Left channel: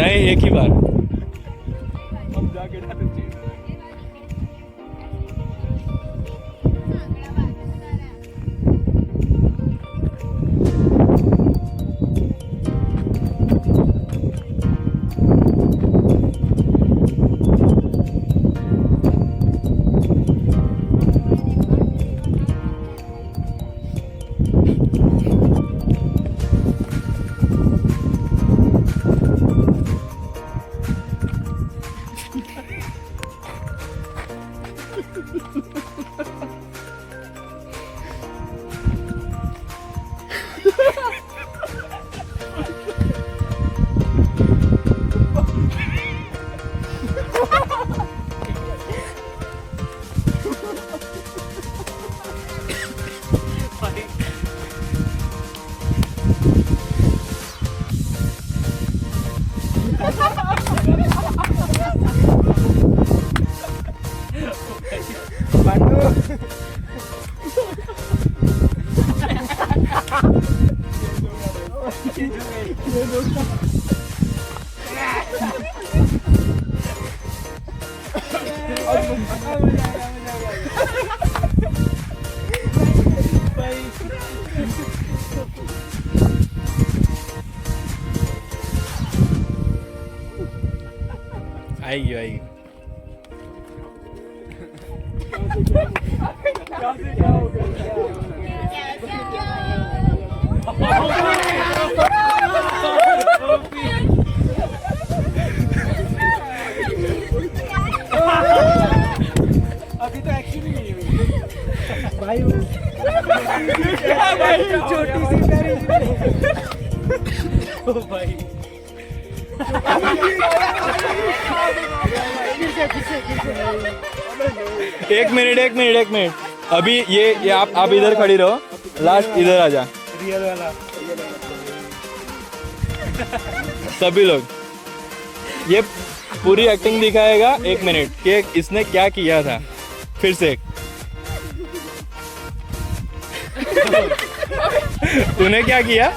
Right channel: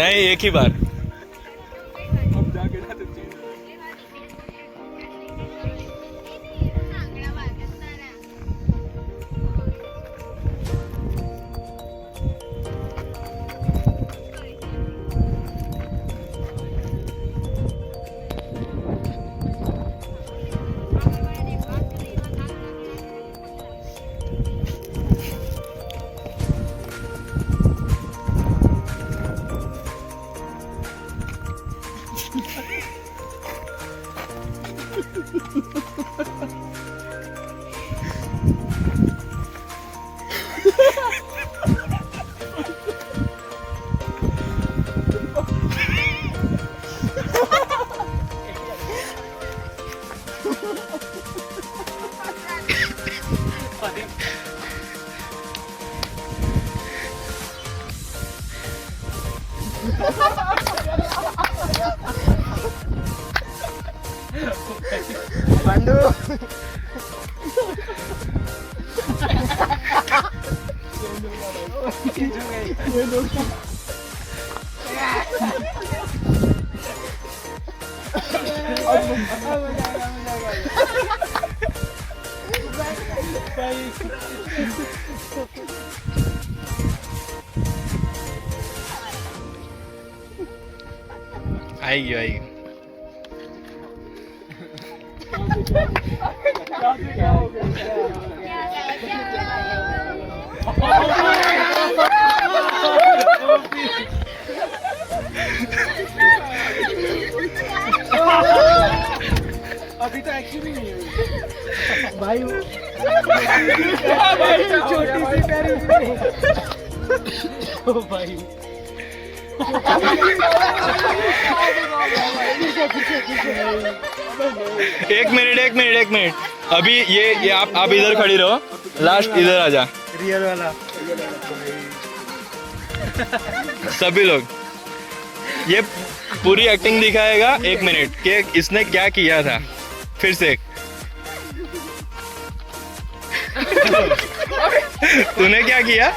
नहीं, एक ही बार। अब जाके ना तो आएगी आएगी। क्या हो अभी तो एक्शन ही नहीं है भाई। भाई छोटी सी प्यारी ओ भाई। एक मिनट। अभी ये आप इधर खड़ी रहो, लास्ट इधर आ जा। रियल वाला सभी लोग ये पूरी एक्टिंग दिखाएगा 1 मिनट कि इसने क्या किया था। फिर से तूने क्या किया?